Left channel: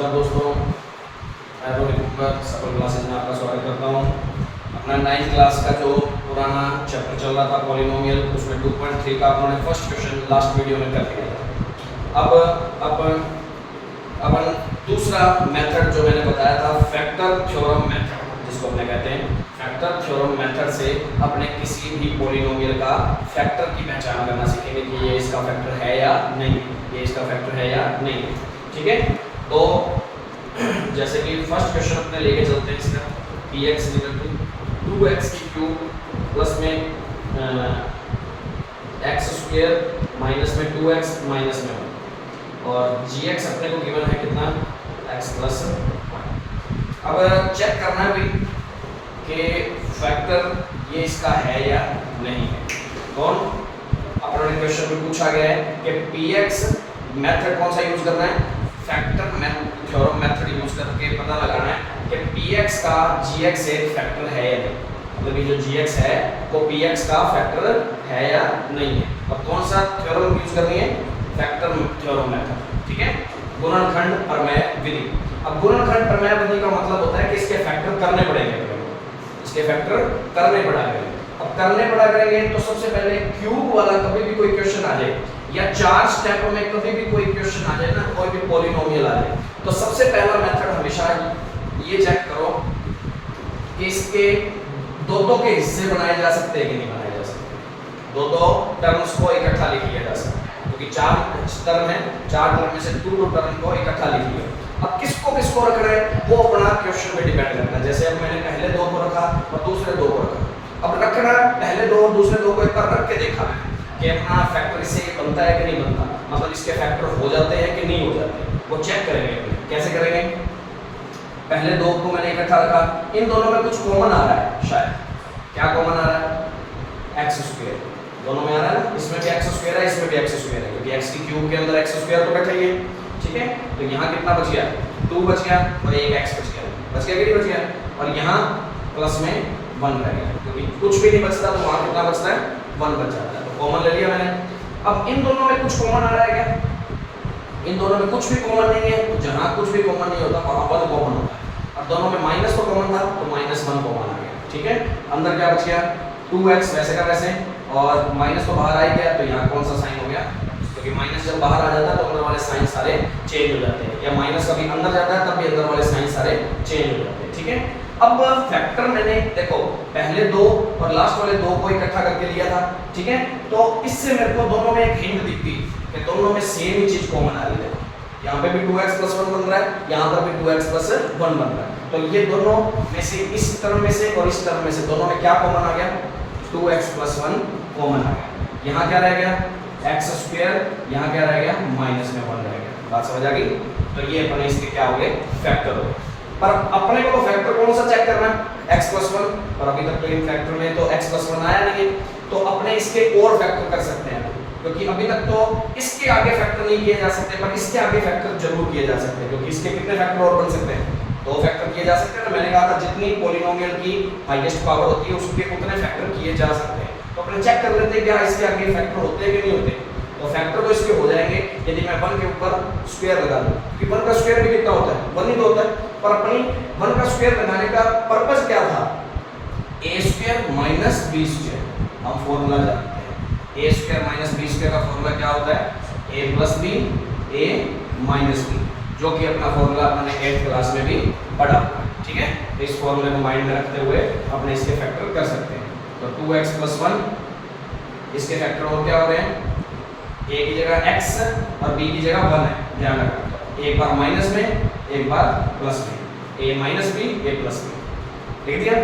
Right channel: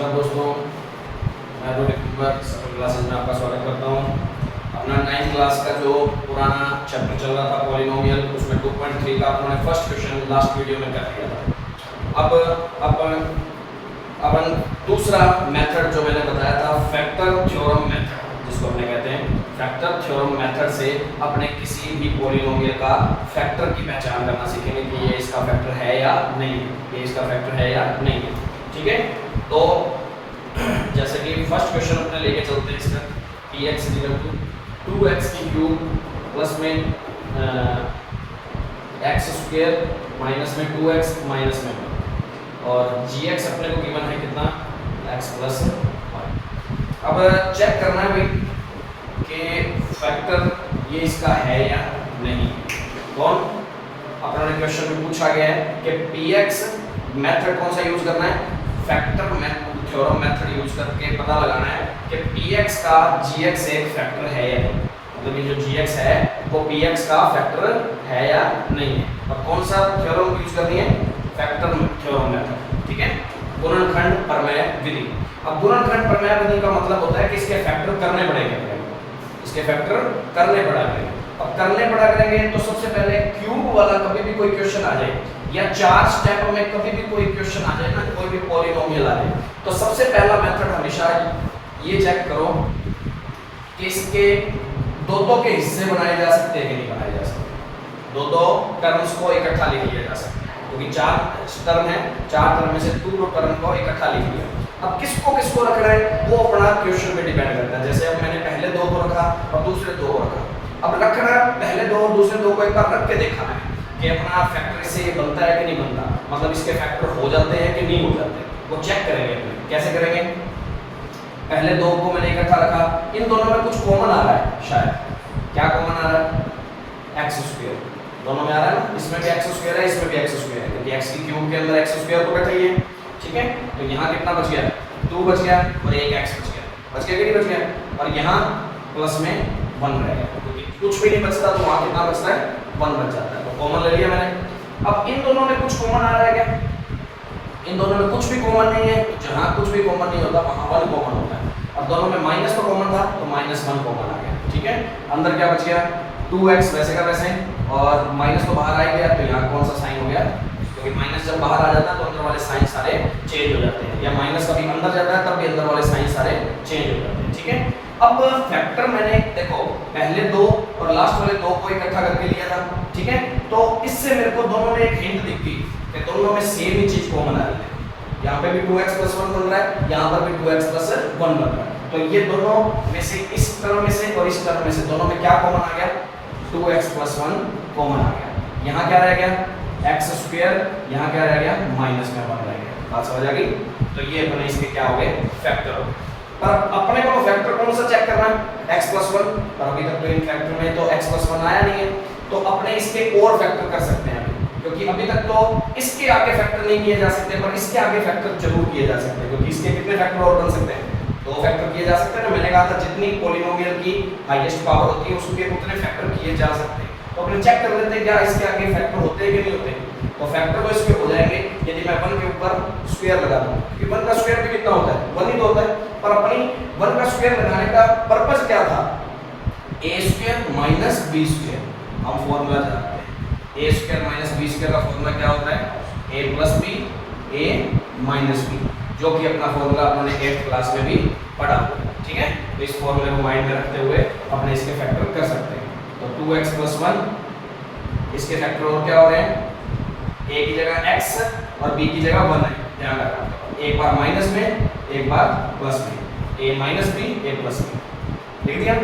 नमस्कार दोस्तों, मैं रोहित कुमार सफल क्लासेज में आपका स्वागत करता हूँ। अपना 9th क्लास का जो पुराना चैप्टर चल रहा था पॉलिनोमियल, उसमें 2.3 का अपने फर्स्ट क्वेश्चन लास्ट वीडियो में कर दिया था। अब दूसरा मेथड जो मैंने बताया था फैक्टर थ्योरम मेथड, जिसको अपने कहते हैं फैक्टर थ्योरम मेथड से अपने किसी भी पॉलिनोमियल का फैक्टर की पहचान करना सीखेंगे कि ये इसका फैक्टर है या नहीं है, ये इसका फैक्टर है या नहीं है। ठीक है, तो जैसे कि फर्स्ट क्वेश्चन अपने लेके चलते हैं इसका px = 2x की क्यूब प्लस में x स्क्वायर माइनस में 2x माइनस में 1 और gx अपने को गिवन है कितना x प्लस 1। अब चेक करना है भाई कि फैक्टर ये इसका है या नहीं है। कौन अपने क्वेश्चन में पूछा गया है कि px मेथड कौन सा यूज करना है, फैक्टर थ्योरम मेथड यूज करके पता लगाना है कि px का gx एक फैक्टर है या नहीं, मतलब ये जो gx है वो px का फैक्टर है या नहीं है। और कौन सा थ्योरम यूज करनी है, फैक्टर थ्योरम मेथड। ठीक है, गुणनखंड प्रमेय विधि। अब गुणनखंड प्रमेय विधि का मतलब होता है कि इसके फैक्टर करने पड़ेंगे, इसके फैक्टर करने पड़ा करेंगे। अब करने पड़ा करेंगे तो सबसे पहले क्यूब वाला कभी भी कोई क्वेश्चन आ जाए या 4 स्टेप में कभी भी कोई क्वेश्चन आ जाए ना, कोई भी पॉलिनोमियल आ जाए, तो सबसे पहला मेथड हमेशा ये चेक करो कि इसके दो के हिस्से बनाए जा सकते हैं कि नहीं बनाए जा सकते। दो टर्म्स को इकट्ठा लिख लिया जा सकता है, क्योंकि 4 टर्म है, 4 टर्म में से 2 टर्म को इकट्ठा लिख लिया। अब किसको रखना है वो अपना क्वेश्चन पे डिपेंड करता है। जैसे अब मैंने पहले 2 को रखा और दूसरे 2 को रखा, अब रखना पहले 2 और दूसरे 2 को एक बार रख के देखा है कि अपना फैक्टर इससे ये बनता है कि नहीं बनता, मतलब इसके फैक्टर हो जाते हैं कि नहीं हो जाते, वो चेक करेंगे। कैसे करेंगे, पहले 2 को मैंने इकट्ठा रखा, इन दोनों में कुछ कॉमन आ रहा है, शायद क्या कॉमन आ रहा है, x स्क्वायर दोनों में आ रहा है ना, इसमें भी x स्क्वायर है, इसमें भी x स्क्वायर है, क्योंकि x की क्यूब के अंदर x स्क्वायर तो बैठा ही है। ठीक है, तो यहाँ कितना बच गया, 2 बच गया और एक x बच गया कि नहीं बच गया, और यहाँ प्लस में 1 रह गया, क्योंकि कुछ भी नहीं बचता तो वहाँ कितना बचता है, 1 बच जाता है, तो कॉमन ले लिया मैंने। अब इन दोनों में कुछ कॉमन आ रहा है क्या, इन दोनों में कुछ भी कॉमन नहीं है, तो जहाँ कुछ भी कॉमन नहीं होता वहाँ 1 कॉमन होता है। अब दोनों में माइनस तो कॉमन था तो -1 कॉमन आ गया। ठीक है, अंदर क्या बच गया, 2x वैसे का वैसे, और माइनस तो बाहर आ गया, तो यहाँ कौन सा साइन हो गया, क्योंकि माइनस जब बाहर आ जाता है तो अंदर वाले साइन सारे चेंज हो जाते हैं, या माइनस कभी अंदर जाता है तब भी अंदर वाले साइन सारे चेंज हो जाते हैं। ठीक है, अब फैक्टर मैंने देखो पहले 2 और लास्ट वाले 2 को इकट्ठा करके लिया था। ठीक है, तो इससे मेरे को दोनों में एक हिंट दिखती कि दोनों में सेम ही चीज कॉमन आ रही है। यहाँ पे भी 2x + 1 बन रहा है, यहाँ पर भी 2x + 1 बन रहा है, तो ये दोनों में से इस टर्म में से और इस टर्म में से दोनों में क्या कॉमन आ गया, 2x + 1 कॉमन आ गया। यहाँ क्या रह गया, x स्क्वायर, यहाँ क्या रह गया, -1 रह गया। बात समझ आ गई, तो ये अपने इसके क्या हो गए, फैक्टर हो गए। पर अपने को फैक्टर कौन सा चेक करना है, x + 1, पर अभी तक तो इन फैक्टर में तो x + 1 आया नहीं है, तो अपने इसके और फैक्टर कर सकते हैं, क्योंकि अभी तक तो इसके आगे फैक्टर नहीं किए जा सकते, पर इसके आगे फैक्टर जरूर किए जा सकते हैं, क्योंकि इसके कितने फैक्टर और बन सकते हैं, 2 फैक्टर किए जा सकते हैं ना। मैंने कहा था जितनी पॉलिनोमियल की हाईएस्ट पावर होती है उसके उतने फैक्टर किए जा सकते हैं। तो अपने चेक कर लेते हैं क्या इसके आगे फैक्टर होते हैं कि नहीं होते, तो फैक्टर तो इसके हो जाएंगे यदि मैं 1 के ऊपर स्क्वायर लगा दूं, कि 1 का स्क्वायर भी कितना होता है, 1 ही तो होता है। पर अपनी 1 का स्क्वायर लगाने का पर्पस क्या था, a² - b², हम फॉर्मूला जानते हैं, a² - b² का फॉर्मूला क्या होता है, a + b a - b, जो कि अपना फॉर्मूला अपने 8th क्लास में भी पढ़ा। ठीक है, तो इस फॉर्मूले को माइंड में रखते हुए अपने इसके फैक्टर कर सकते हैं। तो 2x + 1, इसके फैक्टर और क्या हो रहे हैं, a की जगह x और b की जगह 1 है, ध्यान रखना, एक बार माइनस में एक बार प्लस में, a - b a + b लिख दिया।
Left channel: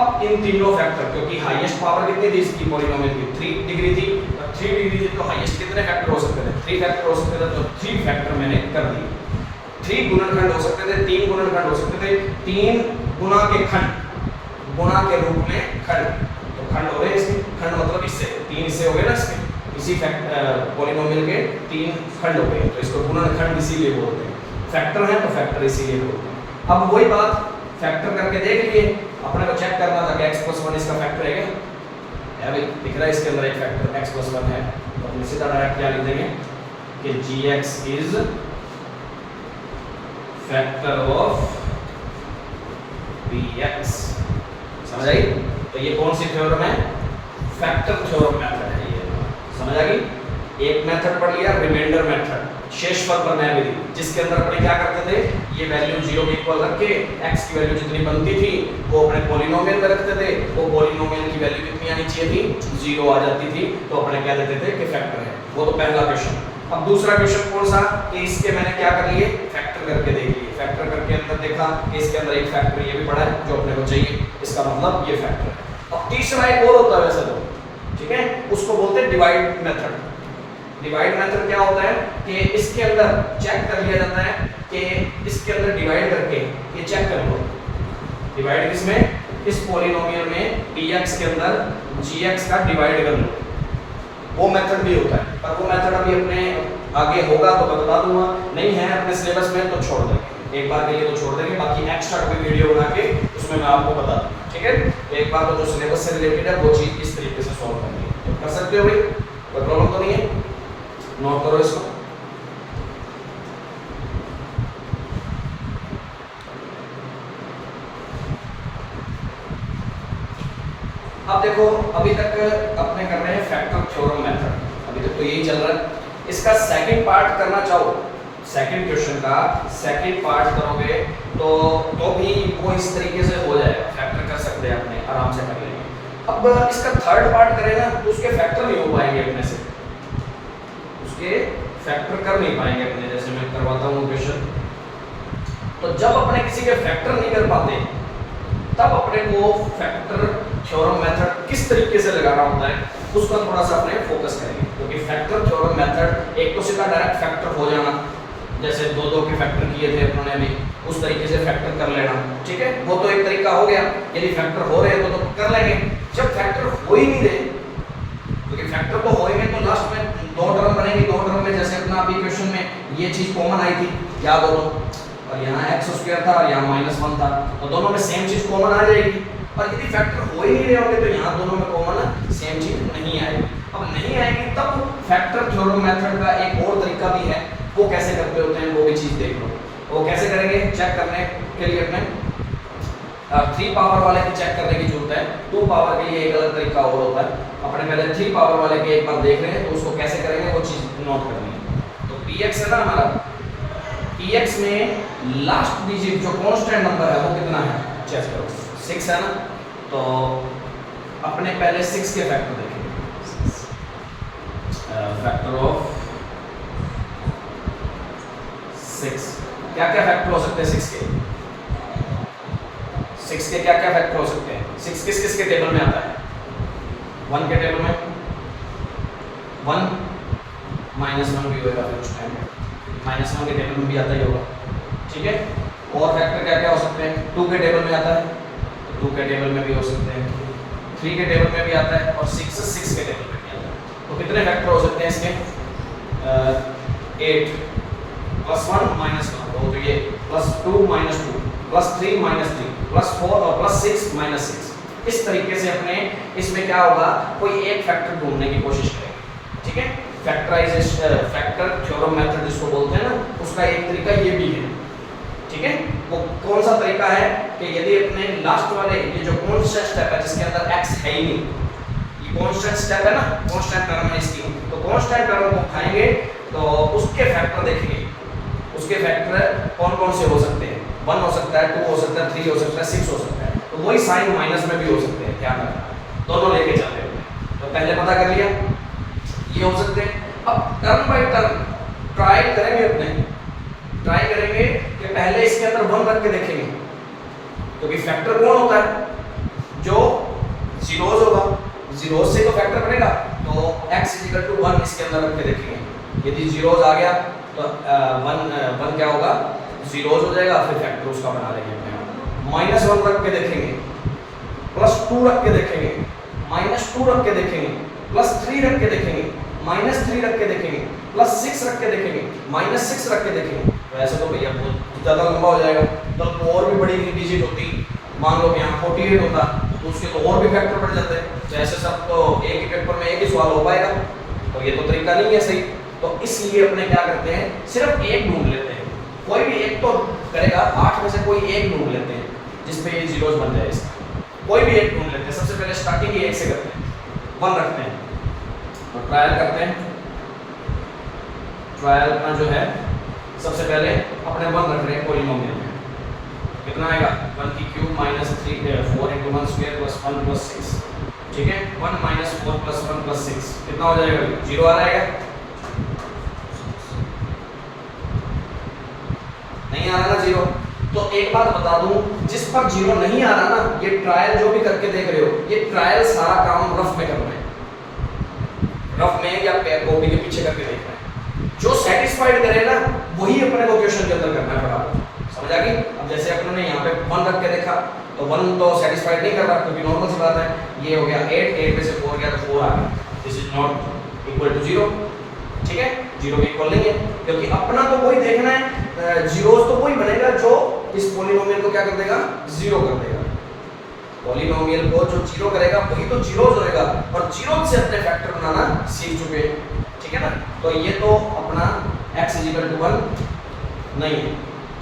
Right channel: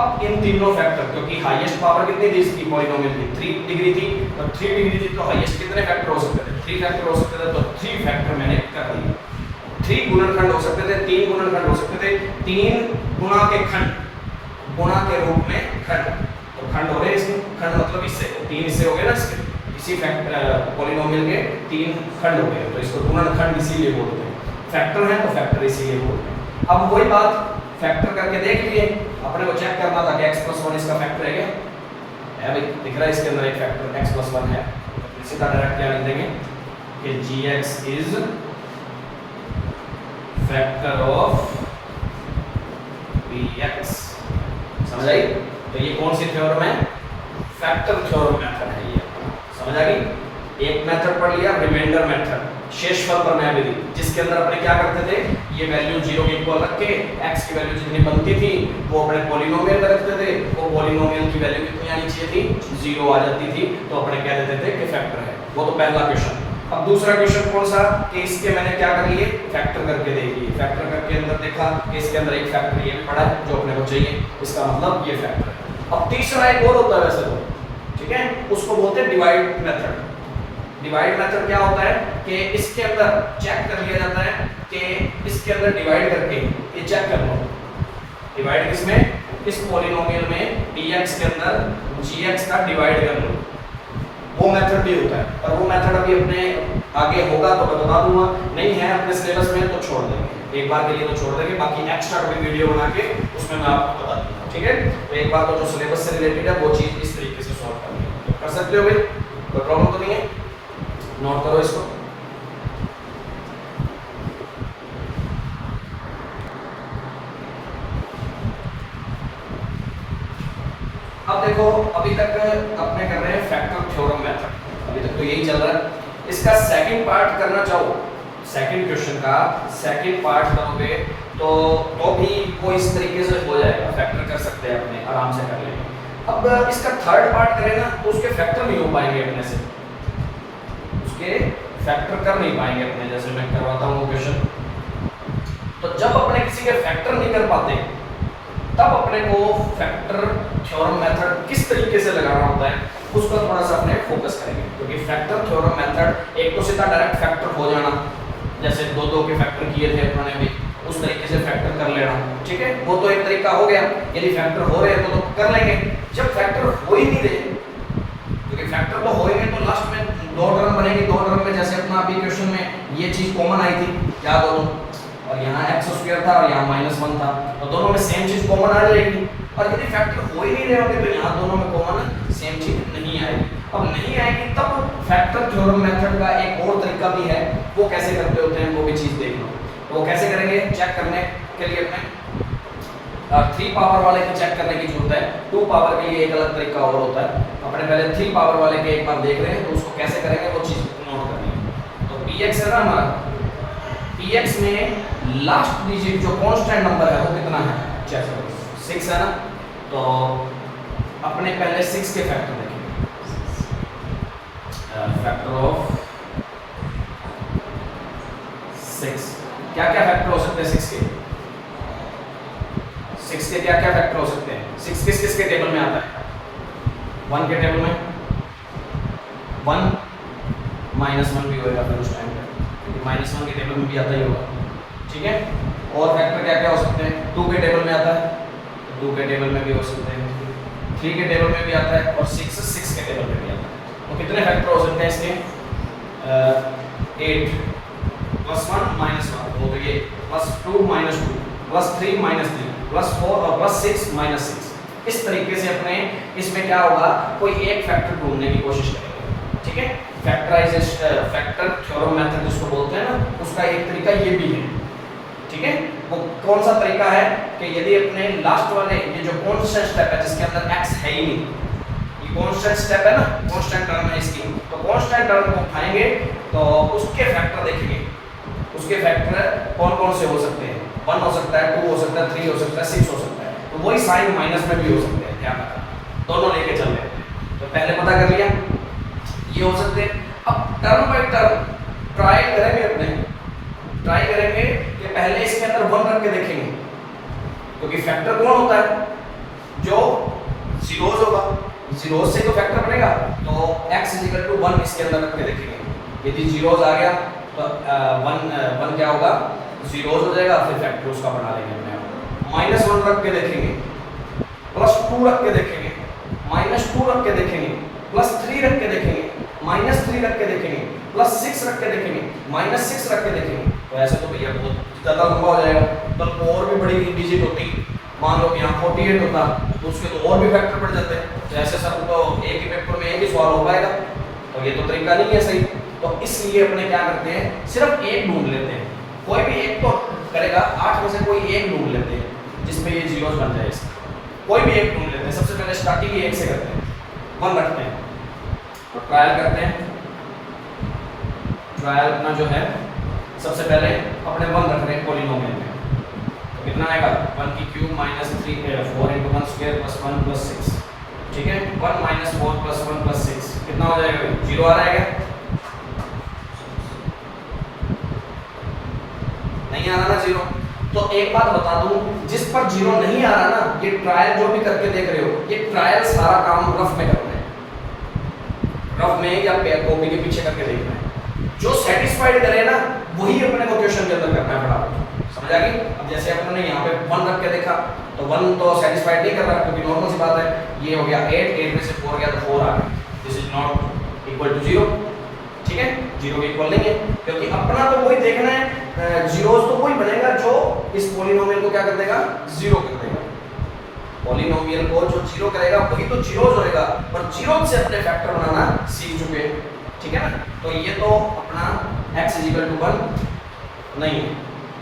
अब इन तीनों फैक्टर, क्योंकि हाईएस्ट पावर कितनी थी इसकी पॉलिनोमियल की, 3 डिग्री थी, और 3 डिग्री थी तो हाईएस्ट कितने फैक्टर हो सकते थे, 3 फैक्टर हो सकते थे, तो 3 फैक्टर मैंने कर दिए। 3 गुणनखंड हो सकते थे, 3 गुणनखंड हो सकते थे, 3 गुणा के खंड, गुणा के रूप में खंड, तो खंड हो गए इसके, खंड मतलब इससे 3 हिस्से हो गए ना इसके, इसी पॉलिनोमियल के 3 खंड हो गए, तो इसको गुणनखंड इसीलिए बोलते हैं, फैक्टर है तो फैक्टर इसीलिए बोलते हैं। अब वही बात फैक्टर करके देख लिए, अपने को चेक करना था कि x + 1 इसका फैक्टर है क्या, है भाई, दिख रहा है इसके अंदर एक फैक्टर x + 1 है, तो सीधा डायरेक्ट क्या लिख देंगे कि gx is factor of px। समझ आई? तो ये कौन सी थ्योरम है? फैक्टर थ्योरम मेथड है ये। समझ आ गई? एक मेथड पढ़ लिया, रिमाइंडर मेथड, शेषफल प्रमेय, जिसके अंदर अपने क्या करते थे, ये वैल्यू 0 के इक्वल रख के x की वैल्यू जितनी बनती थी वो अपने पॉलिनोमियल में रखते थे। वो पॉलिनोमियल की वैल्यू कितनी आनी चाहिए थी? 0 आ जाती थी, तो अपने कह देते थे कि फैक्टर है। वो तो पहला क्वेश्चन। अब दूसरा क्वेश्चन कौन सा कि इसके मैंने क्या कर लिए, फैक्टर करके देख लिए। फैक्टर करके अंदर देखा कि इसके अंदर एक फैक्टर ये भी पड़ा है जो अपने को चाहिए, इसका मतलब ये फैक्टर है। अब तीसरा एक और होता है वैसे तो, ठीक है, उसको बोलते हैं डिवाइड मेथड। डिवाइड मेथड क्या होता है कि इसके अंदर चेक कर लिया जाता है कि इसके अंदर डिवाइड करके ये चेक कर लो, डिवाइड किसमें, इस पॉलिनोमियल में px के अंदर gx का डिवाइड कर लो। वो मेथड भी होता है, पर वो मेथड अभी अपने आगे होगा तो मैं बता दूंगा, नहीं है अपने सिलेबस में तो छोड़ देंगे, एक बार के लिए तो छोड़ देंगे, बाकी एक्स्ट्रा कभी वीडियो बना के उसमें मैं आपको बता दूंगा। ठीक है, तो एक बार तो जो सिलेबस से रिलेटेड है वो चीज इस तरीके से सॉल्व करनी है, तो कर सकते हो भाई, कोई प्रॉब्लम तो नहीं है। नोट करो इसको। अब देखो, अभी तक अपने कर रहे हैं फैक्टर थ्योरम मेथड, अभी तक तो यही चल रहा है। इसका सेकंड पार्ट करना चाहो, सेकंड क्वेश्चन का सेकंड पार्ट करोगे तो भी वो इस तरीके से हो जाएगा, फैक्टर कर सकते हैं अपने आराम से कर लेंगे। अब इसका थर्ड पार्ट करें ना तो उसके फैक्टर नहीं हो पाएंगे अपने से, उसके फैक्टर कर नहीं पाएंगे अपने, जैसे मैं करवाता हूँ क्वेश्चन। तो जब अपने किसी के फैक्टर नहीं कर पाते तब अपने को फैक्टर थ्योरम मेथड किस तरीके से लगाना होता है उसका थोड़ा सा अपने फोकस करेंगे, क्योंकि फैक्टर थ्योरम मेथड एक तो सीधा डायरेक्ट फैक्टर हो जाना, जैसे दो के फैक्टर किए थे अपने अभी, उस तरीके से फैक्टर कर लेना, ठीक है, वो तो एक तरीका हो गया। यदि फैक्टर हो रहे हैं तो कर लेंगे। जब फैक्टर हो ही नहीं रहे, क्योंकि फैक्टर तो होएंगे तो लास्ट में दो टर्म बनेगी, दो टर्म में जैसे अपना अभी क्वेश्चन में ये चीज कॉमन आई थी, याद हो, और यहाँ x² था और यहाँ -1 था, तो दोनों में सेम चीज कॉमन आ जाएगी। और यदि फैक्टर हो ही नहीं रहे होंगे तो यहाँ दोनों में कॉमन सेम चीज नहीं आएगी। अब नहीं आएगी तब फैक्टर थ्योरम मेथड का एक और तरीका भी है, वो कैसे करते होते हैं वो भी चीज देख लो। वो कैसे करेंगे चेक करने के लिए अपने 3 पावर वाले की चेक करने की जरूरत है, 2 पावर के लिए एक अलग तरीका और होता है। अपने पहले 3 पावर वाले के एक बार देख रहे हैं तो उसको कैसे करेंगे वो चीज नोट करनी है। तो px है ना हमारा, px में लास्ट डिजिट जो कांस्टेंट नंबर है वो कितना है चेक करो, 6 है ना, तो अपने पहले 6 के फैक्टर देखेंगे, फैक्टर ऑफ 6, क्या क्या फैक्टर हो सकते हैं 6 के, 6 के क्या क्या फैक्टर हो सकते हैं। 6 किस किस के टेबल में आता है, 1 के टेबल में 1 -1 भी होगा फिर उस टाइम पे, -1 के टेबल में भी आता ही होगा, ठीक है। और फैक्टर क्या क्या हो सकते हैं, 2 के टेबल में आता है, 2 के टेबल में भी हो सकते हैं, 3 के टेबल में भी आता है और 6 के टेबल में भी आता है। तो कितने फैक्टर हो सकते हैं इसके, 8 +1 -1 हो गए, +2 -2 +3 -3 +4 और +6 -6। इस तरीके से अपने इसमें क्या होगा, कोई एक फैक्टर ढूंढने की कोशिश करेंगे, ठीक है। फैक्टराइजेशन फैक्टर थ्योरम मेथड जिसको बोलते हैं ना, उसका एक तरीका ये भी है, ठीक है। वो कौन सा तरीका है कि यदि अपने लास्ट वाले ये जो कांस्टेंट स्टेप है जिसके अंदर x है ही नहीं, ये कांस्टेंट स्टेप है ना, कांस्टेंट टर्म है इसकी, तो कांस्टेंट टर्म को उठाएंगे तो उसके फैक्टर देखेंगे, उसके फैक्टर कौन कौन से हो सकते हैं, 1 हो सकता है, 2 हो सकता है, 3 हो सकता है, 6 हो सकता है। तो वही साइन माइनस में भी हो सकते हैं, ध्यान रखना, दोनों लेके चल रहे हैं। तो पहले पता कर लिया ये हो सकते हैं। अब टर्म बाय टर्म ट्राई करेंगे, अपने ट्राई करेंगे कि पहले इसके अंदर 1 रख के देखेंगे, क्योंकि फैक्टर कौन होता है जो जीरोस होगा, जीरोस से तो फैक्टर बनेगा, तो x = 1 इसके अंदर रख के देखेंगे। यदि जीरोस आ गया तो 1 क्या होगा, जीरोस हो जाएगा, फिर फैक्टर उसका बना देंगे अपने आप। -1 रख के देखेंगे, +2 रख के देखेंगे, -2 रख के देखेंगे, +3 रख के देखेंगे, -3 रख के देखेंगे, +6 रख के देखेंगे, -6 रख के देखेंगे। तो ऐसे तो भैया बहुत ज़्यादा लंबा हो जाएगा, तो और भी बड़ी डिजिट होती, मान लो यहाँ 48 होता तो उसके तो और भी फैक्टर बढ़ जाते हैं। तो ऐसे सब तो एक ही पेपर में एक ही सवाल हो पाएगा, तो ये तो तरीका नहीं है सही। तो इसलिए अपने क्या करते हैं, सिर्फ एक ढूंढ लेते हैं, कोई भी एक तो करेगा 8 में से कोई एक ढूंढ लेते हैं जिस पे ये जीरोस बन जाए इसका, कोई भी एक ढूंढ लेते हैं। सबसे पहले स्टार्टिंग ही 1 से करते हैं, 1 रखते हैं और ट्रायल करते हैं। ट्रायल अपना जो है सबसे पहले अपने 1 रख रहे हैं पॉलिनोमियल में, कितना आएगा 1 की cube minus 3 4 into 1 square plus 1 plus 6, ठीक है। 1 माइनस 4 प्लस 1 प्लस 6 कितना हो जाएगा, 0 आ जाएगा, नहीं आ रहा ना 0। तो एक बात बता दूं, जिस पर 0 नहीं आ रहा ना, ये ट्रायल जो भी करके देख रहे हो, ये ट्रायल सारा काम रफ में कर रहे हैं, रफ में या कॉपी के पीछे करके देख रहे हैं। जो सेटिस्फाइड करे ना वही अपने को क्वेश्चन के अंदर करना है फटाफट, समझ आ गई। अब जैसे अपने ने यहाँ पे 1 रख के देखा तो 1 तो सेटिस्फाइड नहीं कर रहा, क्योंकि नॉर्मल सी बात है, ये हो गया 8 में से 4 गया तो 4 आ गया, this is not equal to 0, ठीक है। 0 के इक्वल नहीं है, क्योंकि अपना तो वही देखना है, जीरोस तो वही बनेगा जो इस पॉलिनोमियल को क्या कर देगा, 0 कर देगा। पॉलिनोमियल को जो 0 करेगा वही तो जीरोस होएगा, और जीरोस से अपने फैक्टर बनाना सीख चुके हैं, ठीक है ना। तो ये तो अपना x = 1 नहीं है,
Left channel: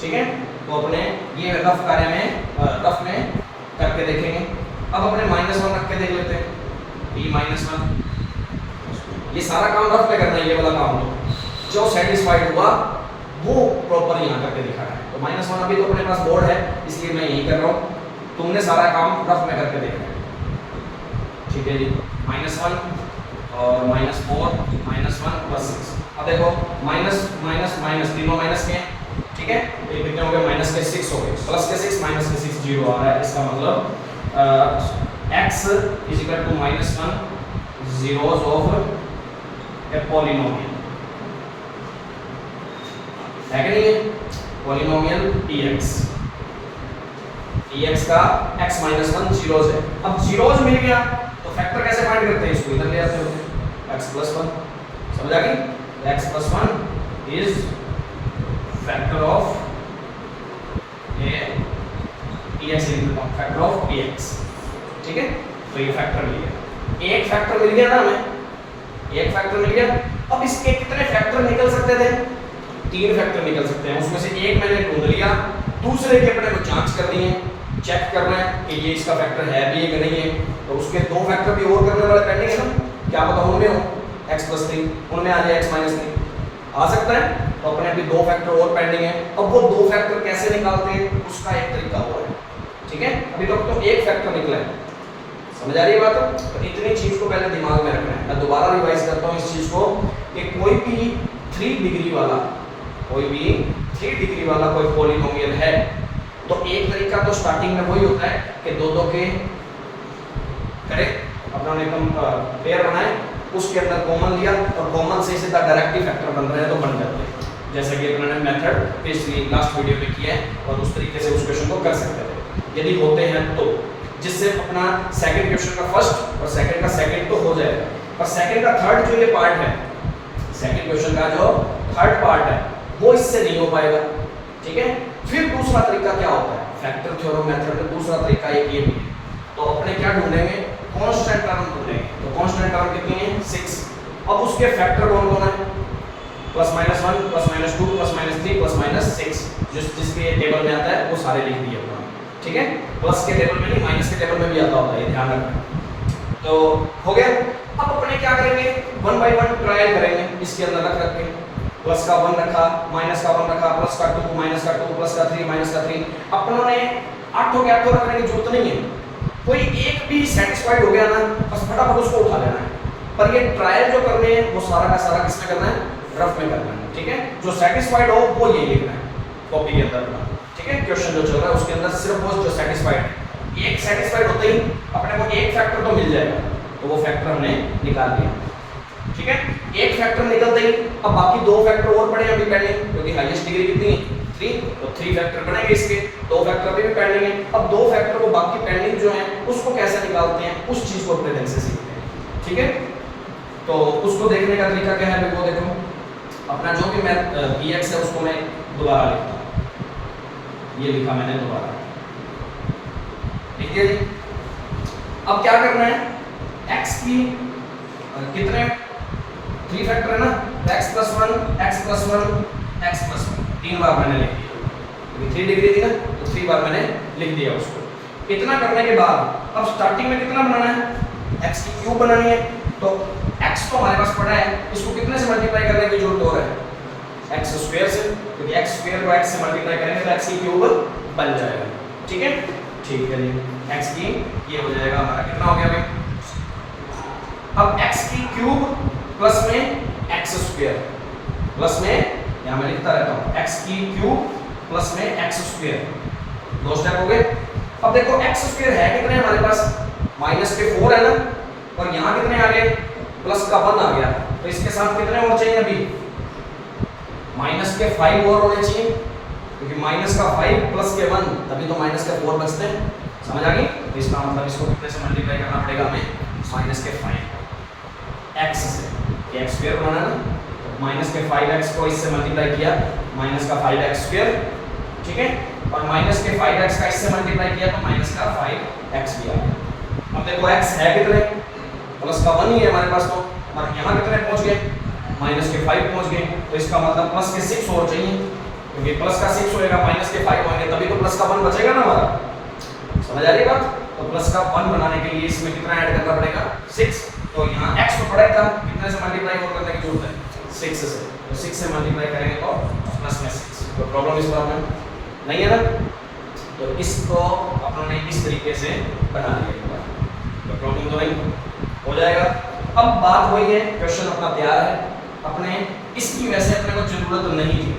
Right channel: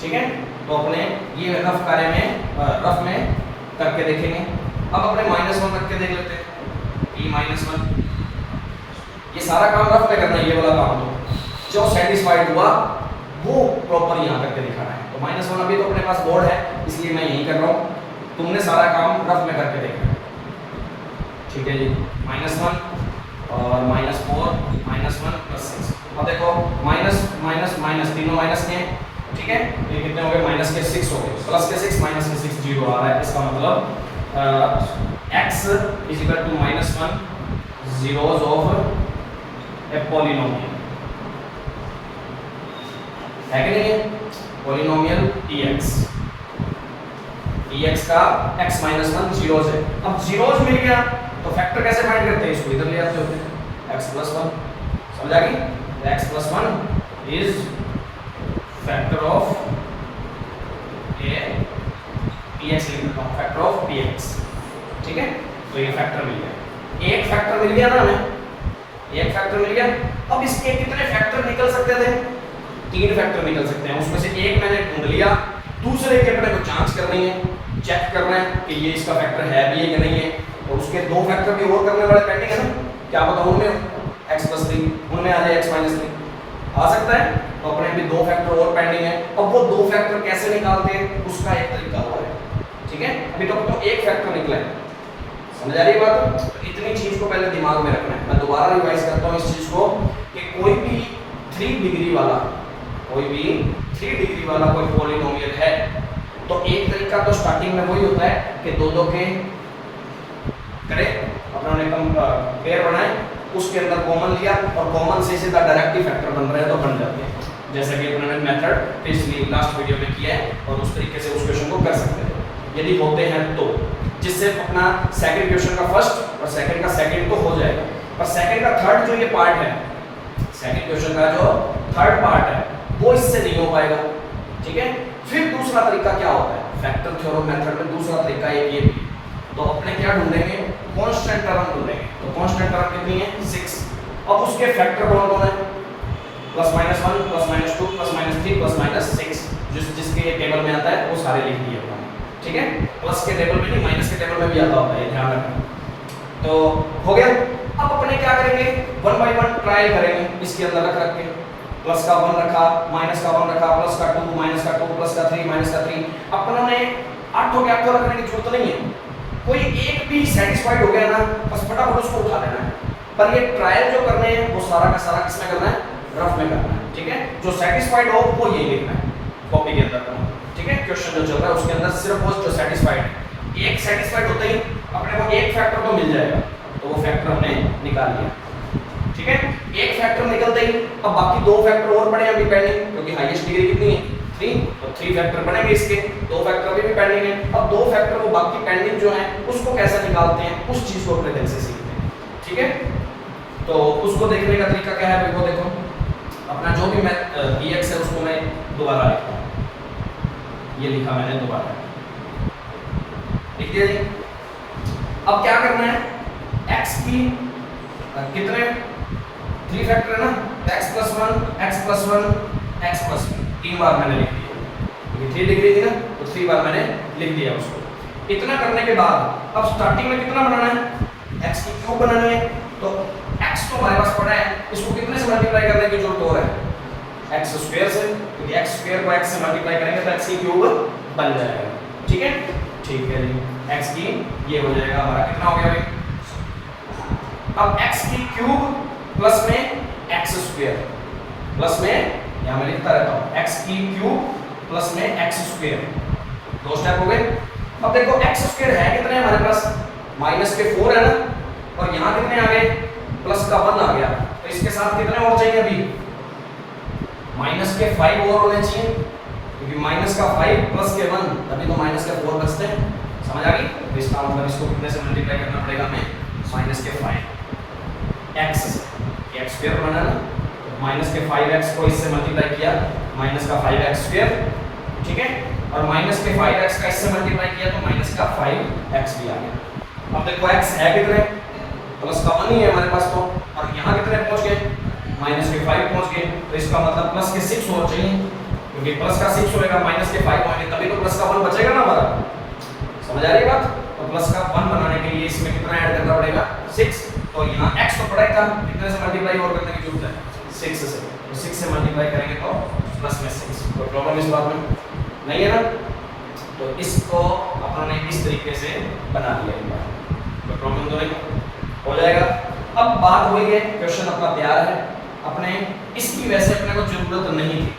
ठीक है। तो अपने ये रफ कार्य में रफ में करके देखेंगे। अब अपने -1 रख के देख लेते हैं, e -1, ये सारा काम रफ पे करना है, ये वाला काम तो जो सेटिस्फाइड हुआ वो प्रॉपर यहाँ करके दिखाना है। तो -1 अभी तो अपने पास बोर्ड है इसलिए मैं यही कर रहा हूँ, तुमने सारा काम रफ में करके देखना है, ठीक है जी। -1 और -4 -1 प्लस 6, अब देखो माइनस माइनस माइनस तीनों माइनस के हैं, ठीक है। ये कितने हो गए, माइनस के 6 हो गए, प्लस के 6 माइनस के 6 0 आ रहा है। इसका मतलब x = -1 zeros of a polynomial है कि नहीं है, पॉलिनोमियल dx का x - 1 जीरोस है। अब जीरोस मिल गया तो फैक्टर कैसे फाइंड करते हैं, इसको इधर ले आते हैं, x + 1, समझ आ गई। x + 1 is factor of a px, factor of px, ठीक है। तो ये फैक्टर मिल गया, एक फैक्टर मिल गया ना हमें, एक फैक्टर मिल गया। अब इसके कितने फैक्टर निकल सकते थे, 3 फैक्टर निकल सकते हैं, उसमें से एक मैंने ढूंढ लिया, दूसरे की अपने को जांच करनी है, चेक करना है कि ये इसका फैक्टर है भी कि नहीं है। तो उसके 2 फैक्टर भी और करने वाले पेंडिंग है ना, क्या पता उनमें हो x + 3, उनमें आ जाए x - 3, आ सकता है। तो अपने भी 2 फैक्टर और पेंडिंग है। अब वो 2 फैक्टर कैसे निकालते हैं उसका एक तरीका और है, ठीक है। अभी तो एक फैक्टर निकला है, समझ आ रही है बात। तो इतनी चीज को पहले दिमाग में रखना है। मैं दोबारा रिवाइज करता हूँ इस चीज को कि कोई भी 3 डिग्री वाला कोई पॉलिनोमियल है तो एक तरीका तो स्टार्टिंग में वही होता है कि 2 के करे अपना एकदम पेयर बनाए, उसके अंदर कॉमन लिया और कॉमन से सीधा डायरेक्ट फैक्टर बन रहे हैं तो बन जाते हैं, जैसा कि अपने मेथड पिछली लास्ट वीडियो में किया है। और उस तरीके से उस क्वेश्चन को कर सकते हैं यदि होते हैं तो, जिससे अपना सेकंड क्वेश्चन का फर्स्ट और सेकंड का सेकंड तो हो जाएगा, पर सेकंड का थर्ड जो ये पार्ट है, सेकंड क्वेश्चन का जो थर्ड पार्ट है वो इससे नहीं हो पाएगा, ठीक है। फिर दूसरा तरीका क्या होता है, फैक्टर थ्योरम मेथड में दूसरा तरीका एक ये भी, तो अपने क्या ढूंढेंगे, कांस्टेंट टर्म ढूंढेंगे। तो कांस्टेंट टर्म कितनी है, 6। अब उसके फैक्टर कौन है, +-1 +-2 +-3 +-6, जिसके टेबल में आता है वो सारे लिख दिए अपना, ठीक है। प्लस के टेबल में नहीं, माइनस के टेबल में भी आता होता है, ये ध्यान रखना। तो हो गया। अब अपने क्या करेंगे, 1 बाय 1 ट्रायल करेंगे, इसके अंदर रख के प्लस का 1 रखा, माइनस का 1 रखा, प्लस का 2 माइनस का 2 प्लस का 3 माइनस का 3। अपनों ने 8 हो गया तो रखने की जरूरत नहीं है, कोई एक भी सेटिस्फाइड हो गया ना बस फटाफट उसको उठा लेना है। पर ये ट्रायल जो करने हैं वो सारा का सारा किसमें करना है, रफ में करना है, ठीक है। जो सेटिस्फाइड हो वो ये लिखना है कॉपी के अंदर, ठीक है। क्वेश्चन जो चल रहा है उसके अंदर सिर्फ वो जो सेटिस्फाइड, एक सेटिस्फाइड होते ही अपने को एक फैक्टर तो मिल जाएगा, तो वो फैक्टर हमने निकाल लिया, ठीक है। एक फैक्टर निकलते ही अब बाकी 2 फैक्टर और पड़े हैं अभी पेंडिंग, क्योंकि हाईएस्ट डिग्री कितनी है 3, तो 3 फैक्टर बनेंगे इसके, 2 फैक्टर अभी भी पेंडिंग है। अब 2 फैक्टर को बाकी पेंडिंग जो है उसको कैसे निकालते हैं उस चीज को अपने ढंग से सीखते हैं, ठीक है। तो उसको देखने का तरीका क्या है, वो देखो अपना जो भी मैं px है उसको मैं दोबारा लिखता हूं, ये लिखा मैंने दोबारा, लिख दिया जी। अब क्या करना है, x की कितने 3 फैक्टर है ना, x + 1 x + 1 x + 1 3 बार मैंने लिख दिया, क्योंकि 3 डिग्री थी ना, तो 3 बार मैंने लिख दिया उसको। इतना करने के बाद अब स्टार्टिंग में कितना बनाना है, x की क्यूब बनानी है। तो x तो हमारे पास पड़ा है, इसको कितने से मल्टीप्लाई करने की जरूरत हो रहा है, x स्क्वायर से, क्योंकि x स्क्वायर को x से मल्टीप्लाई करेंगे तो x की क्यूब बन जाएगा। ठीक है, ठीक है जी, x की ये हो जाएगा हमारा, कितना हो गया भाई, अब x की क्यूब प्लस में x स्क्वायर, प्लस में यहां मैं लिखता रहता हूं x की क्यूब प्लस में x स्क्वायर, दो स्टेप हो गए। अब देखो x स्क्वायर है कितने हमारे पास, माइनस के 4 है ना, और यहां कितने आ गए, प्लस का 1 आ गया, तो इसके साथ कितने और चाहिए अभी, माइनस के 5 और होने चाहिए, क्योंकि माइनस का 5 प्लस के 1 तभी तो माइनस के 4 बचते हैं। समझ आ गई, तो इसका मतलब इसको कितने से मल्टीप्लाई करना पड़ेगा हमें, माइनस के 5 x से, ये x स्क्वायर बनाना ना, तो माइनस के 5x को इससे मल्टीप्लाई किया, माइनस का 5x स्क्वायर, ठीक है, और माइनस के 5x का इससे मल्टीप्लाई किया तो माइनस का 5x भी आ गया। अब देखो x है कितने, प्लस का 1 ही है हमारे पास, तो और यहाँ कितने पहुंच गए, माइनस के 5 पहुंच गए, तो इसका मतलब प्लस के 6 और चाहिए, क्योंकि प्लस का 6 होएगा, माइनस के 5 होंगे, तभी तो प्लस का 1 बचेगा ना हमारा। समझ आ रही है बात, तो प्लस का 1 बनाने के लिए इसमें कितना ऐड करना पड़ेगा, 6, तो यहाँ x तो पड़ा था, कितने से मल्टीप्लाई और करने की जरूरत है, 6 से, तो 6 से मल्टीप्लाई करेंगे तो प्लस में 6, तो प्रॉब्लम इस बात में नहीं है ना, तो इसको अपने इस तरीके से बना दिया एक बार, तो प्रॉब्लम तो नहीं हो जाएगा। अब बात हुई है, क्वेश्चन अपना तैयार है, अपने इसकी वैसे अपने को जरूरत नहीं थी,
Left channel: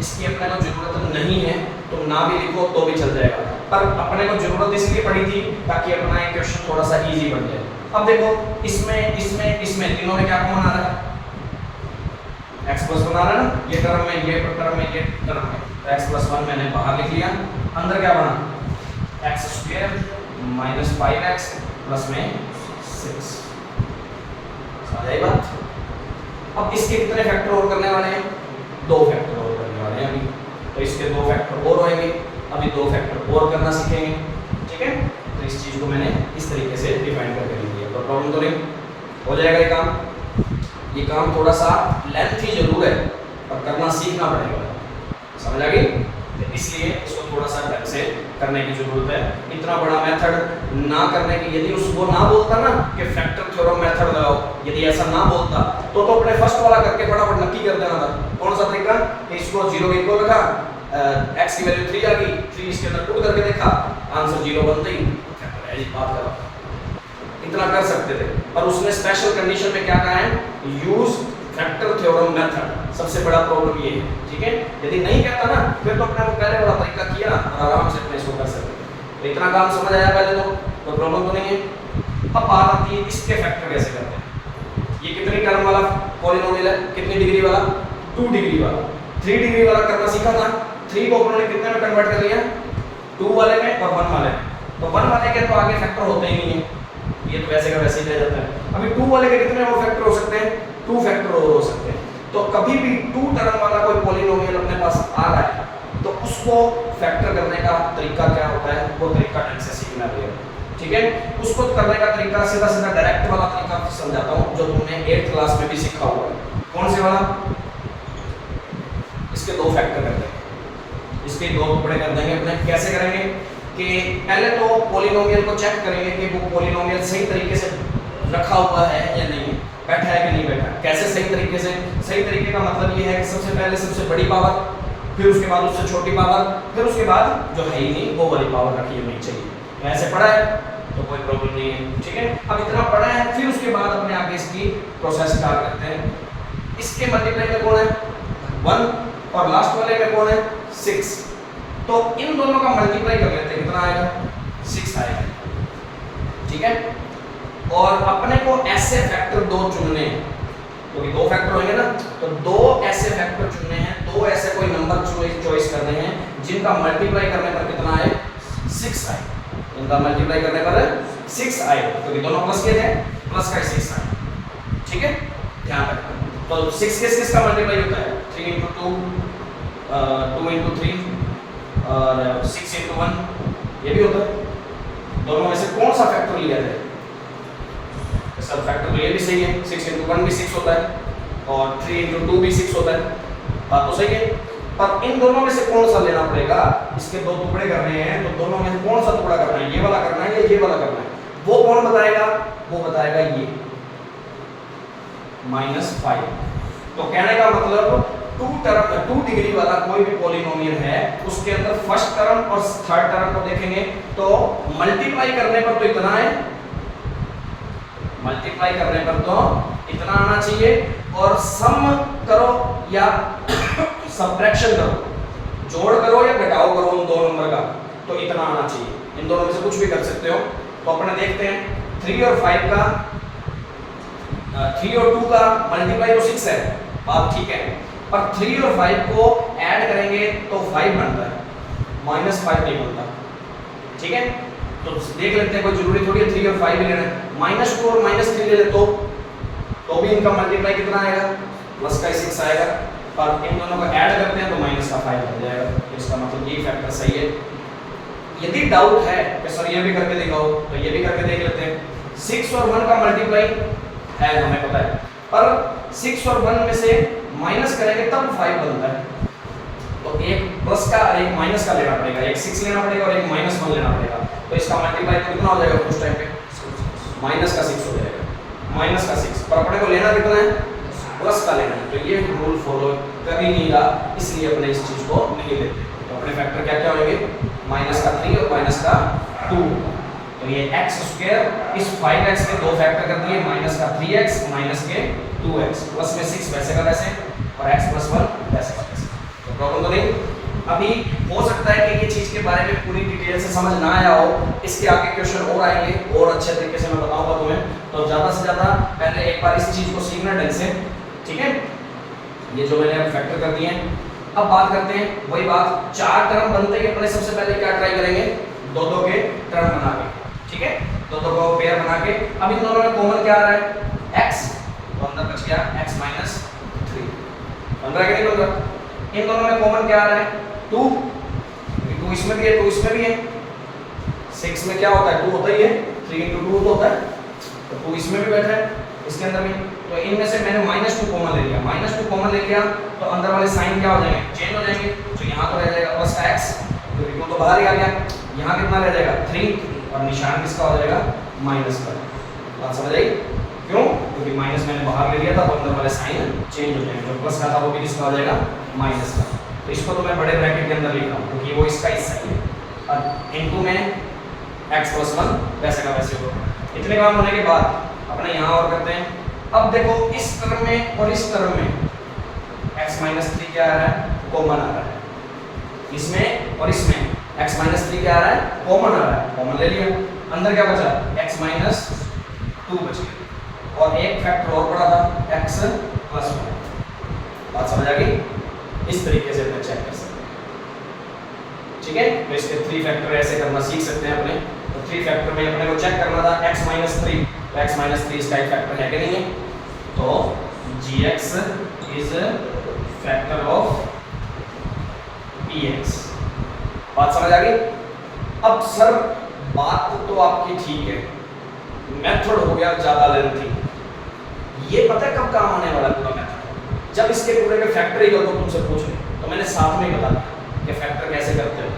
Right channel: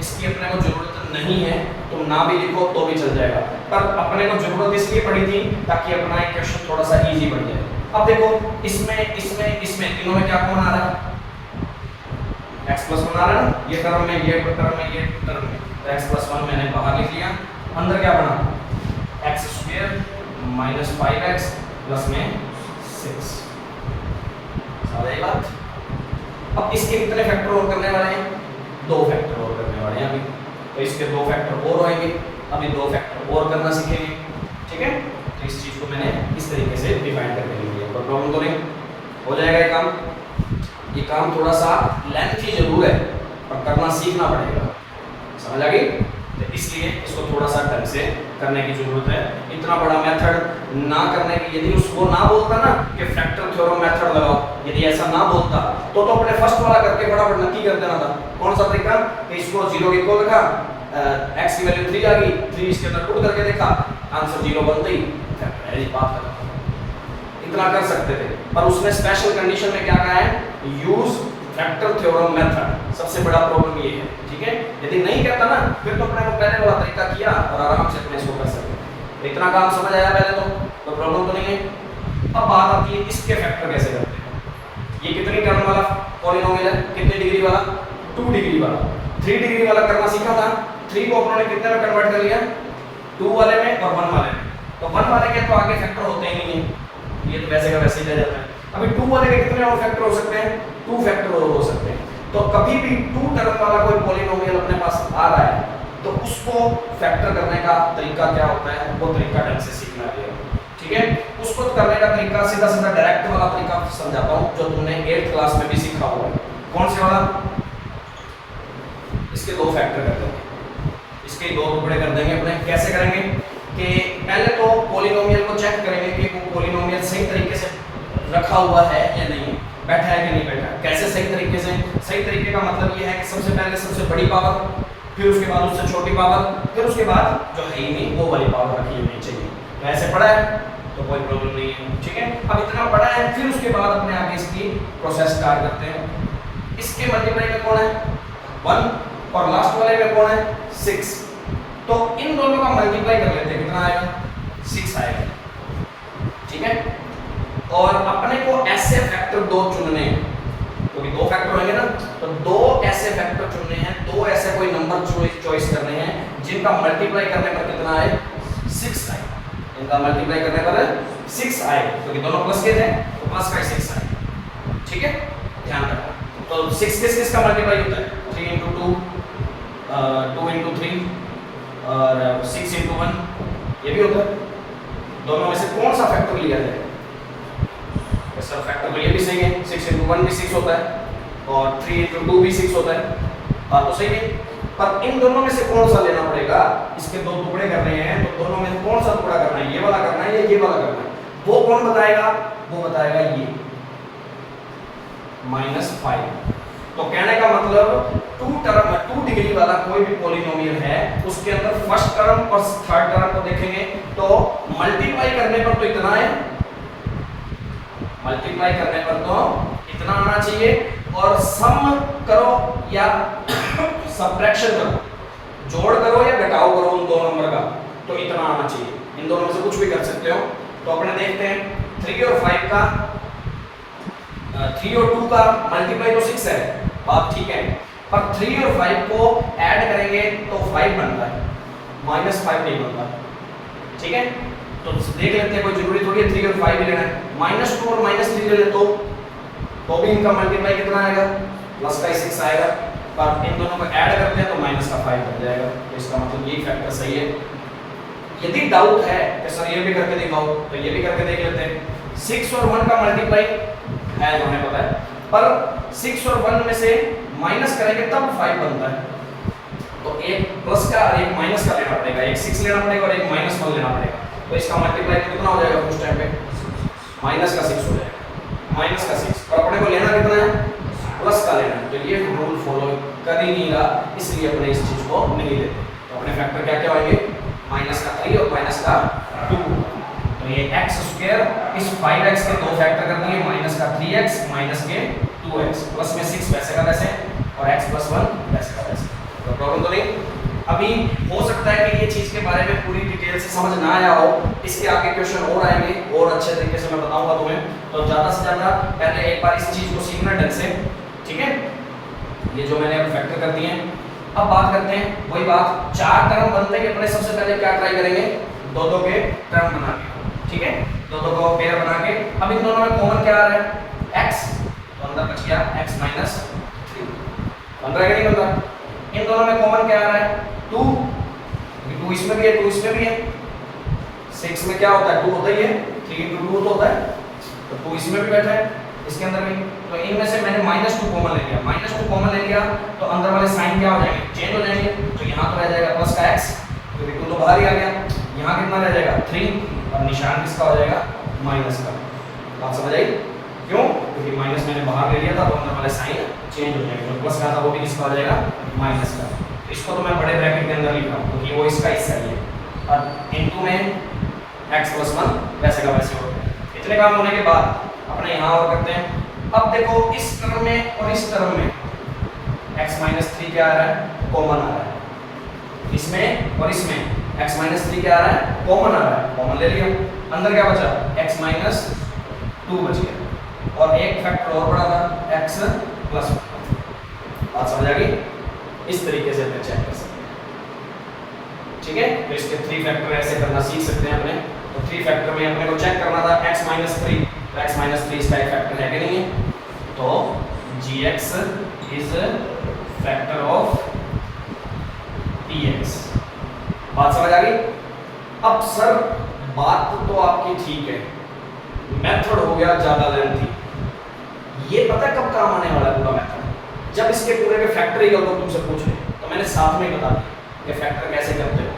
इसकी अपने को जरूरत नहीं है, तो ना भी लिखो तो भी चल जाएगा, पर अपने को जरूरत इसलिए पड़ी थी ताकि अपना ये क्वेश्चन थोड़ा सा इजी बन जाए। अब देखो इसमें इसमें इसमें तीनों में क्या कॉमन आ रहा है, x प्लस 1 आ रहा है ना, ये टर्म में, ये टर्म में, ये टर्म में, तो x प्लस 1 मैंने बाहर लिख लिया, अंदर क्या बना, x square minus 5x plus में 6, समझ आई बात। अब इसके कितने फैक्टर और करने वाले हैं, 2 फैक्टर और करने वाले हैं अभी, तो इसके 2 फैक्टर और होंगे, अभी 2 फैक्टर और करना सीखेंगे। ठीक है, तो इस चीज को मैंने इस तरीके से डिफाइन करके लिख दिया, तो प्रॉब्लम तो नहीं हो जाएगा ये काम। ये काम थोड़ा सा लेंथी जरूर है, पर करना सीखना पड़ेगा, समझ आ गई, तो इसलिए इसको थोड़ा सा ढंग से करने की जरूरत है। इतना बड़ा मेथड ना करने की, यदि उसको ना बोलता ना कि फैक्टर थ्योरम मेथड लगाओ, यदि ऐसा ना बोलता तो अपने फर्स्ट वाला करके फटाफट नक्की कर देना था। कौन सा तरीका, कि इसको 0 के इक्वल रखा, x की वैल्यू 3 आ गई, 3 इसके अंदर पुट करके देखा, आंसर 0 बनते ही फैक्टर है, बात करो, इतना कर सकते थे, पर उसने स्पेशल कंडीशन में क्या कहा है, यूज फैक्टर थ्योरम मेथड, सबसे बड़ा प्रॉब्लम ये है। ठीक है, यदि नहीं कहता ना, फिर तो अपने वो पहले वाला तरीका किया और आराम से अपने इसको कर सकते, तो इतना काम समझ आया पहले तो प्रॉब्लम तो नहीं है। अब बात आती है इसके फैक्टर कैसे करते हैं। ये कितनी टर्म वाला पॉलिनोमियल है, कितनी डिग्री वाला, 2 डिग्री वाला, 3 डिग्री वाला करना सीखा था, 3 को उन्होंने कितने में कन्वर्ट कर लिया, 2 वाले में और 1 वाले में, तो 1 वाले के तो आगे फैक्टर होते ही नहीं है, ये तो वैसे का वैसे ही रह जाता है। अभी 2 वाले के कितने और फैक्टर हो सकते हैं, 2 फैक्टर और हो सकते हैं, तो कभी भी 2 टर्म वाला कोई पॉलिनोमियल अपने पास आ रहा है तो उसको फैक्टर करने का तरीका क्या होता है, वो तरीका ढंग से सीखना पड़ेगा। ठीक है, उसको करने का तरीका सीधा सीधा डायरेक्ट वाला तरीका समझाता हूं, जो तुमने 8th क्लास में भी सीखा हुआ है। कौन से वाला, इसके 2 फैक्टर करते हैं, इसके 2 टुकड़े कर देंगे अपने। कैसे करेंगे कि पहले तो पॉलिनोमियल को चेक करेंगे कि वो पॉलिनोमियल सही तरीके से रखा हुआ है या नहीं, बैठा है कि नहीं बैठा। कैसे सही तरीके से, सही तरीके का मतलब ये है कि सबसे पहले सबसे बड़ी पावर, फिर उसके बाद उससे छोटी पावर, फिर उसके बाद जो है ही नहीं वो वाली पावर रखी होनी चाहिए। ऐसे पड़ा है तो कोई प्रॉब्लम नहीं है। ठीक है, अब इतना पड़ा है, फिर उसके बाद अपने आगे इसकी प्रोसेस स्टार्ट करते हैं। इसके मल्टीप्लाई में कौन है, 1, और लास्ट वाले में कौन है, 6, तो इन दोनों का मल्टीप्लाई कर लेते हैं, कितना आएगा, 6 आएगा। ठीक है, और अपने को ऐसे फैक्टर 2 चुनने हैं, क्योंकि 2 फैक्टर होंगे ना, तो 2 ऐसे फैक्टर चुनने हैं, 2 ऐसे कोई नंबर चॉइस करने हैं जिनका मल्टीप्लाई करने पर कितना आए, 6 आए, इनका मल्टीप्लाई करने पर 6 आए, क्योंकि दोनों प्लस के थे, प्लस का 6 आए। ठीक है, ध्यान रखना, तो 6 के 6 का मल्टीप्लाई होता है 3 × 2, 2 × 3 और 6 × 1, ये भी होता है। दोनों में से कौन सा फैक्टर लिया जाए, सब फैक्टर तो ये भी सही है, 6 × 1 भी 6 होता है और 3 × 2 भी 6 होता है, बात तो सही है। पर इन दोनों में से कौन सा लेना पड़ेगा, इसके दो टुकड़े करने हैं तो दोनों में से कौन सा टुकड़ा करना है, ये वाला करना है या ये वाला करना है, वो कौन बताएगा, वो बताएगा ये -5। तो कहने का मतलब 2 डिग्री वाला कोई भी पॉलिनोमियल है उसके अंदर फर्स्ट टर्म और थर्ड टर्म को देखेंगे तो मल्टीप्लाई करने पर तो इतना है, मल्टीप्लाई करने पर तो इतना आना चाहिए, और सम करो या सब्ट्रैक्शन करो, जोड़ करो या घटाओ करो उन दो नंबर का तो इतना आना चाहिए। इन दोनों में से कुछ भी कर सकते हो। तो अपने देखते हैं 3 और 5 का 3 और 2 का मल्टीप्लाई तो 6 है, बात ठीक है, पर 3 और 5 को ऐड करेंगे तो 5 बनता है, -5 नहीं बनता, ठीक है। तो देख लेते हैं, कोई जरूरी थोड़ी है 3 और 5 ही लेना है, -2 और -3 ले ले तो भी इनका मल्टीप्लाई कितना आएगा, प्लस का 6 आएगा, पर इन दोनों को ऐड करते हैं तो माइनस का 5 बन जाएगा। तो इसका मतलब ये फैक्टर सही है। यदि डाउट है कि सर ये भी करके दिखाओ तो ये भी करके देख लेते हैं। 6 और 1 का मल्टीप्लाई है हमें पता है, पर 6 और 1 में से माइनस करेंगे तब 5 बनता है, तो एक प्लस का और एक माइनस का लेना पड़ेगा, एक 6 लेना पड़ेगा और एक -1 लेना पड़ेगा। तो इसका मल्टीप्लाई तो कितना हो जाएगा उस टाइम पे, माइनस का 6 हो जाएगा, माइनस का 6, पर अपने को लेना कितना है, प्लस का लेना है। तो ये रूल फॉलो कर ही नहीं रहा, इसलिए अपने इस चीज को नहीं लेते। तो अपने फैक्टर क्या क्या होंगे, माइनस का 3 और माइनस का 2। तो ये x² इस 5x के दो फैक्टर कर दिए, माइनस का 3x माइनस के 2x, प्लस में 6 वैसे का वैसे और x + 1 वैसे का वैसे। तो प्रॉब्लम तो नहीं। अभी हो सकता है कि ये चीज के बारे में पूरी डिटेल से समझ ना आया हो, इसके आगे क्वेश्चन और आएंगे और अच्छे तरीके से मैं बताऊंगा तुम्हें। तो ज्यादा से ज्यादा पहले एक बार इस चीज को सीखना ढंग से, ठीक है। ये जो मैंने अब फैक्टर कर दिए हैं, अब बात करते हैं वही बात, 4 टर्म बनते हैं अपने सबसे पहले क्या ट्राई करेंगे, दो के टर्म बना के, ठीक है, दो को पेयर बना के। अब इन दोनों में कॉमन क्या आ रहा है, x, तो अंदर बच गया x - 3, बन रहा है कि नहीं बन रहा। इन दोनों में कॉमन क्या आ रहा है, 2, 2 इसमें भी है 2 इसमें भी है, 6 में क्या होता है 2 होता ही है, 3 × 2 होता है, तो 2 इसमें भी बैठा है इसके अंदर भी। तो इनमें से मैंने -2 कॉमन ले लिया, -2 कॉमन ले लिया तो अंदर वाले साइन क्या हो जाएंगे, चेंज हो जाएंगे। तो यहाँ तो रह जाएगा प्लस का x, क्योंकि 2 तो बाहर ही आ गया, यहाँ कितना रह जाएगा 3 और निशान किसका हो जाएगा, माइनस का। बात समझ आई, क्यों, क्योंकि माइनस मैंने बाहर ले लिया था तो अंदर वाले साइन चेंज हो जाएंगे, जो प्लस का था वो भी किसका हो जाएगा, माइनस का। तो इसको तो मैं बड़े ब्रैकेट के अंदर लिख रहा हूँ क्योंकि वो इसका हिस्सा ही है, और इनटू में x + 1 वैसे का वैसे होगा। इतने काम होने के बाद अपने यहाँ और करते हैं। अब देखो इस टर्म में और इस टर्म में x - 3 क्या आ रहा है, कॉमन आ रहा है, इसमें और इसमें x - 3 क्या आ रहा है, कॉमन आ रहा है, कॉमन ले लिया। अंदर क्या बचा, x - 2 बच गया, और एक फैक्टर और पड़ा था x + 1। बात समझ आ गई, इस तरीके से अपने चेक कर सकते हैं, ठीक है। तो इसके 3 फैक्टर ऐसे करना सीख सकते हैं अपने। तो 3 फैक्टर में अपने को चेक करना था x - 3, तो x - 3 इसका एक फैक्टर है कि नहीं है, तो gx is factor of px। बात समझ आ गई। अब सर बात तो आपकी ठीक है, मेथड हो गया ज्यादा लेंथी, ये पता है कब काम आने वाला पूरा मेथड, जब इसके पूरे के फैक्टर ही अगर तुमसे पूछे तो मैंने साथ में ही बता दिया कि फैक्टर कैसे करते हैं।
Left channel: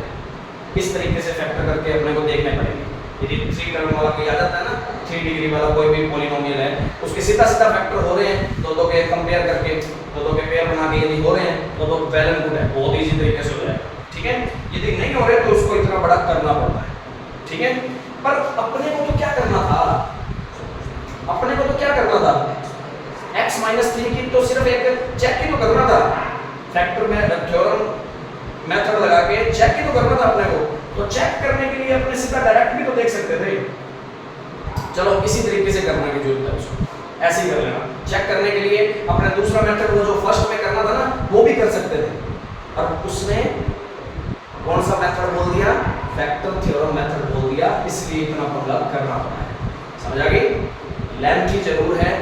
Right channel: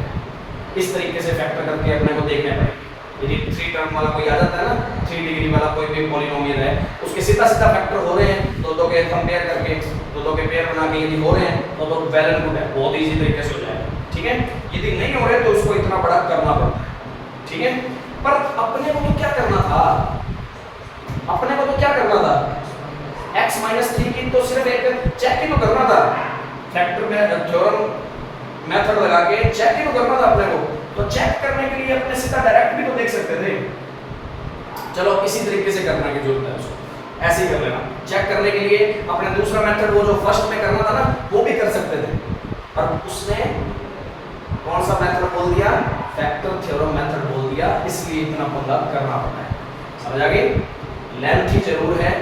इस तरीके से फैक्टर करके अपने को देखने पड़ेंगे। यदि 3 टर्म वाला कोई आ जाता है ना, 3 डिग्री वाला कोई भी पॉलिनोमियल है, उसके सीधा सीधा फैक्टर हो रहे हैं, दो के कंपेयर करके, दो के पेयर बना के यदि हो रहे हैं तो वेल एंड गुड है, बहुत इजी तरीके से हो जाएगा, ठीक है। यदि नहीं हो रहे तो उसको इतना बड़ा करना पड़ता है, ठीक है। पर अपने को तो क्या करना था, अपने को तो क्या करना था, x - 3 की तो सिर्फ एक चेक ही तो करना था, फैक्टर में थ्योरम मेथड लगा के चेक ही तो करना था अपने को। तो चेक करने के लिए अपने सीधा डायरेक्ट भी तो देख सकते थे। चलो इसी तरीके से करने की जरूरत है, उसको ऐसे ही कर लेना। चेक करने के लिए अपने दूसरा मेथड वो जो फर्स्ट में करना था ना, वो भी कर सकते थे, और उसने कौन सा मेथड बोल दिया, फैक्टर थ्योरम मेथड बोल दिया, इसलिए इतना पंगा करना पड़ा है। समझ आ गई। लेंथ ही जरूर है,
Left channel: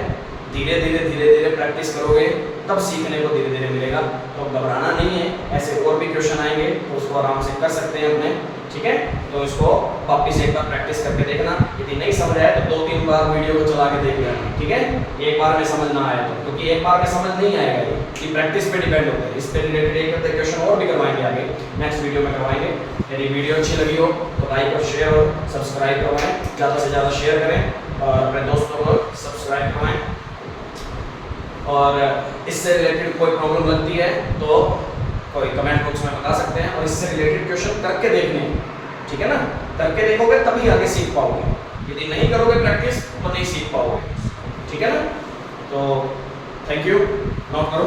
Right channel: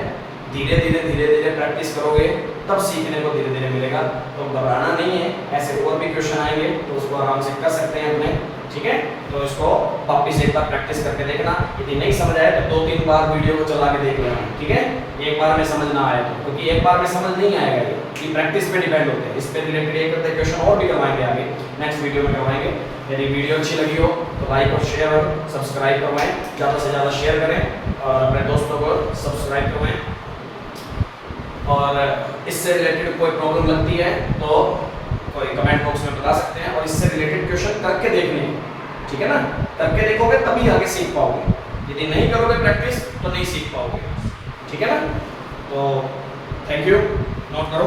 धीरे धीरे प्रैक्टिस करोगे तब सीखने को धीरे धीरे मिलेगा। तो घबराना नहीं है, ऐसे और भी क्वेश्चन आएंगे तो उसको आराम से कर सकते हैं अपने, ठीक है। तो इसको वापिस एक बार प्रैक्टिस करके देखना, यदि नहीं समझ आया तो 2-3 बार वीडियो को चला के देख लेना, ठीक है। एक बार में समझ ना आया तो, क्योंकि एक बार में समझ नहीं आएगा, ये प्रैक्टिस पे डिपेंड होता है। इस पे रिलेटेड एक क्वेश्चन और भी करवाएंगे आगे, नेक्स्ट वीडियो में करवाएंगे। यदि वीडियो अच्छी लगी हो तो लाइक और शेयर और सब्सक्राइब करवाएं, ज़्यादा से ज़्यादा शेयर करें और अपने दोस्तों को सब्सक्राइब करवाएं। और इससे रिलेटेड कोई प्रॉब्लम लगती है तो कोई कमेंट बॉक्स में बता सकते हैं, और इससे रिलेटेड क्वेश्चन करके देखने, ठीक है ना। करके देखोगे तभी आगे सीख पाओगे, यदि नहीं करोगे प्रैक्टिस तो नहीं सीख पाओगे, ठीक है ना। तो थैंक यू, नोट करो।